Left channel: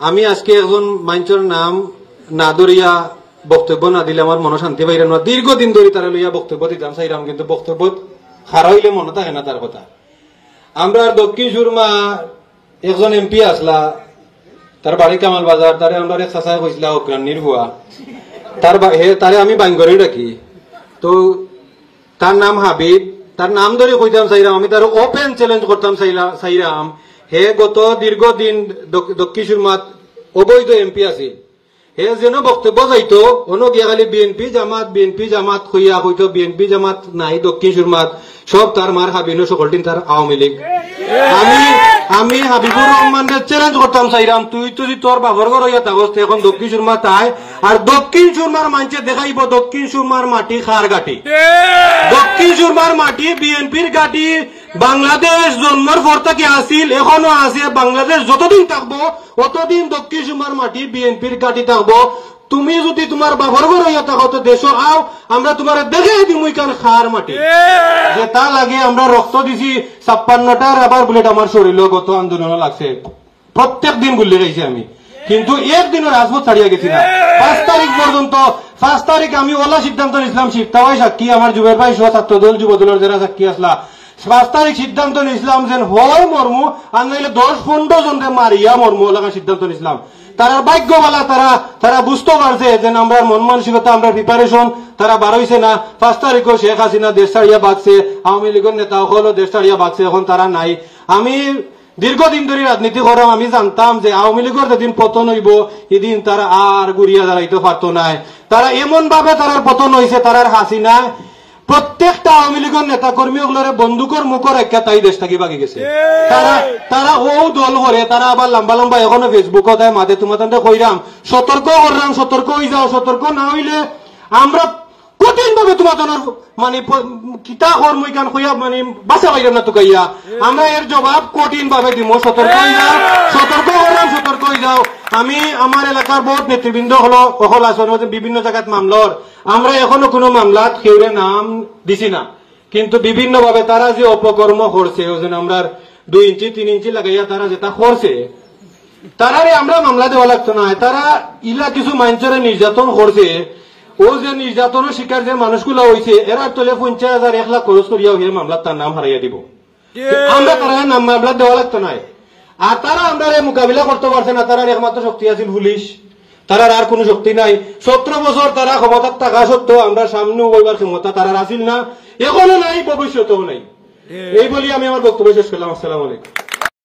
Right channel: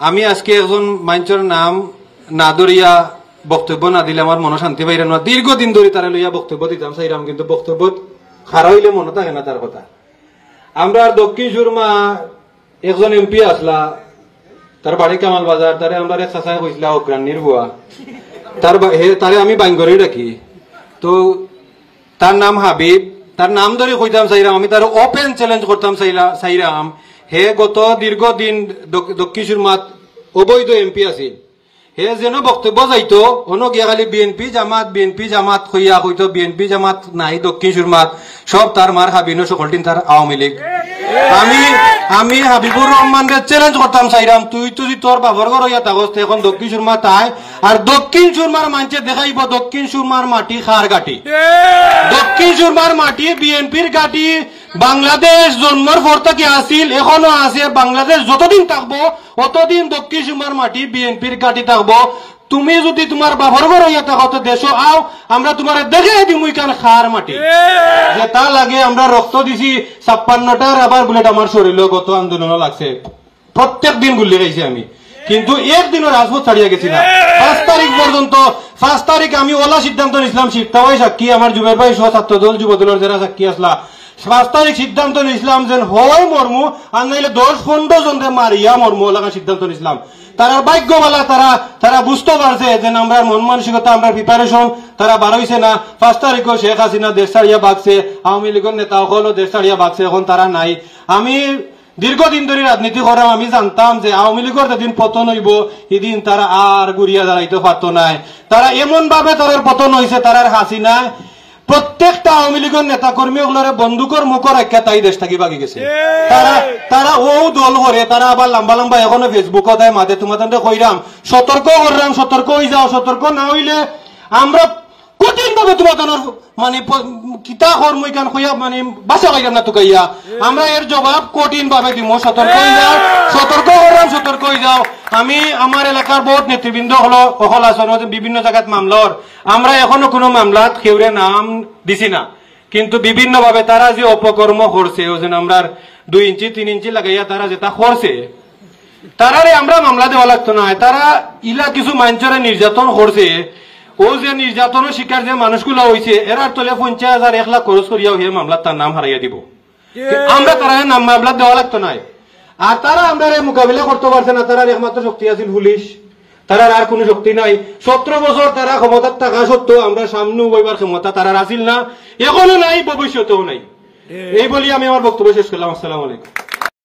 আমি আজকে একজন মানুষের নাম না ধরিয়া বক্তব্য না দিলে আমার মনে শান্তি পাইরে না। দীর্ঘদিন ধরে তারা লইয়া বক্তব্য দিতাম চাইরাম, কিন্তু বক্তব্য খারা হইলে মনে থাকে না তার কথা। আমরা দক্ষিণ সুরমা একজন এমপি আসলা, তার বাড়ি কামাল বাজার, তারে আমরা এক চাচাই কইসলা অগ্রাণীর বুয়া, তারে আমি বাঙ্গরে রাখি। তো তার নাম হাবিব, তার নাম ধরে কইতাম চাইরাম, আমি তার ওপেন চ্যালেঞ্জ করতাম চাইরাম। হে গত দীর্ঘদিন দক্ষিণ সুরমাত অবৈধ এমপি আছিল, হে যেন বক্তব্য যাইতো অন্য গিয়া খালি বিএনপি জামাত হইয়া হইতো বিএনপি জামাত নাই দক্ষিণ সুরমাত, সব তার মার হাবিনো সকলটিন তার আওয়ামী লীগ। আমি হাবিবুর রহমানকে চ্যালেঞ্জ করতাম চাইরাম, তুই যদি তোর বাবর ঘর হইয়া থাকস এখন দক্ষিণ সুরমা তাই, আর দক্ষিণ সুরমার মানুষে দেখাইব দক্ষিণ সুরমার মাটি খার গাটি, দক্ষিণ সুরমার মাটি বিএনপির গাটি। বাংলাদেশ জন্মের পর থেকে আসিল, এখনো আছে। বাংলাদেশ যতদিন থাকবো অতদিন দক্ষিণ সুরমার মাটি বিএনপির গাটি থাকবো। তুমি যদি তোমার বাবর ঘর হইয়া থাকো তো দেশ আও, আমরা তোমার দেখে দিই মুইখান খার মাটি। যে তা লাগে আমরা রক্ত দিছি 56টার, আবার বুলেট আমার শরীরে গত আন্দোলন লাগছে, প্রত্যেক দিন গুলি গেছি আমি, কিন্তু একদিনও রাজপথ ছাড়িয়া গেছি না। 5 তারিখ পর্যন্ত, 5 তারিখ আমি ওলা সিদ্ধান্ত নিয়েছিলাম, শিক্ষাবাই সাক্ষী, আমার যুগের ভাই সহ ছাত্রদল যুবদলের যারা সাক্ষী আসলা, 5 তারিখ সিদ্ধান্ত নিয়েছিলাম যে হয় মর্মু আর নাইলে 10-15 জনকে মারিয়া মর্মু লাগা সিদ্ধান্ত নিয়েছিলাম। তারা ভাগ্যবালা, তারা বুঝতে পারছে যে আমরা মন মানসিকতা, আমরা প্রিপারেশন তারা বার হইছে না। 5 তারিখও শেখ হাসিনা দেশ ছাড়িয়া বাগছে, আওয়ামী লীগের নেতা সকলও দেশ ছাড়িয়া বাগছে, এখন তারা নাই। আমি দীর্ঘদিন ধরে রাজনীতি করাম, আমি জানতাম যে আওয়ামী লীগের যেদিন পতন হইব এদিন তারা আর গুড়িয়া দাঁড়াইতে পারত নাই। তারা এমন ভাবে তার পতন হয়েছে, তারার হাসিনা প্রত্যেকটা আওয়ামী লীগের নেতা কর্মী ওগুলোর বন্দুকের মুখর একটা তাই দেশ থাকি বাকি গেছে। তারা ও দল করে, তারা আবার লম্বা লম্বা এখনো ফেসবুক দেয় মাঝে, তোমাদের কইরাম সতর্ক করলাম, সতর্ক হয়ে যাও, সতর্ক না হইলে আমরা কঠিন ভাবে তোমাদের মানে কিতা কর্মইখান হইয়া মানে বাঁচা পাইলাম না তোকাইয়া, আমরা এর জবাব কঠিন ভাবে দিব। সতর্ক হয়ে যাও, সতর্ক করলাম, সতর্ক হয়ে যাও। আমি আমার এলাকার বহুত নেতৃবৃন্দ হলো অকল আসন বিভিন্ন জায়গাত মামলার, আমরা এখনো কোনো মামলাত কেউরে নাম দিছি না, কিন্তু বিভিন্ন ভাবে তারা যে অপকর্ম করছে, ওই জন্য আমরা 2 ইঞ্চি 3 ইঞ্চি লাগাইয়া তারা যেটা করছে, তারারে আমরা মামলা দেওয়া লাগতো না। তারা ইলা কিছু মানুষের নির্যাতন করছে, ও যে নির্যাতনের শিকার যে মানুষগুলো হয়েছে এরার তলে 50,000 1 লাখ খরচ করিয়া হয়ে মামলা তার নাম হারাইয়া দিব। আমরা তারা নাম মামলা দেওয়া লাগতো না। আর তারা আমরা মোকাবিলা করতে পারছে না। তারা একমাত্র শক্তি আছিল পুলিশ, তারার আর কোনো শক্তি নাই। 17 বছর তারা ক্ষমতার থাকা সত্ত্বেও আমরা সামনে বইবার ক্ষমতা তারা আসিল না, এখনো নাই, ভবিষ্যতেও নাই। এই বলি আমি আমার বক্তব্য শেষ করলাম। আসসালামু আলাইকুম।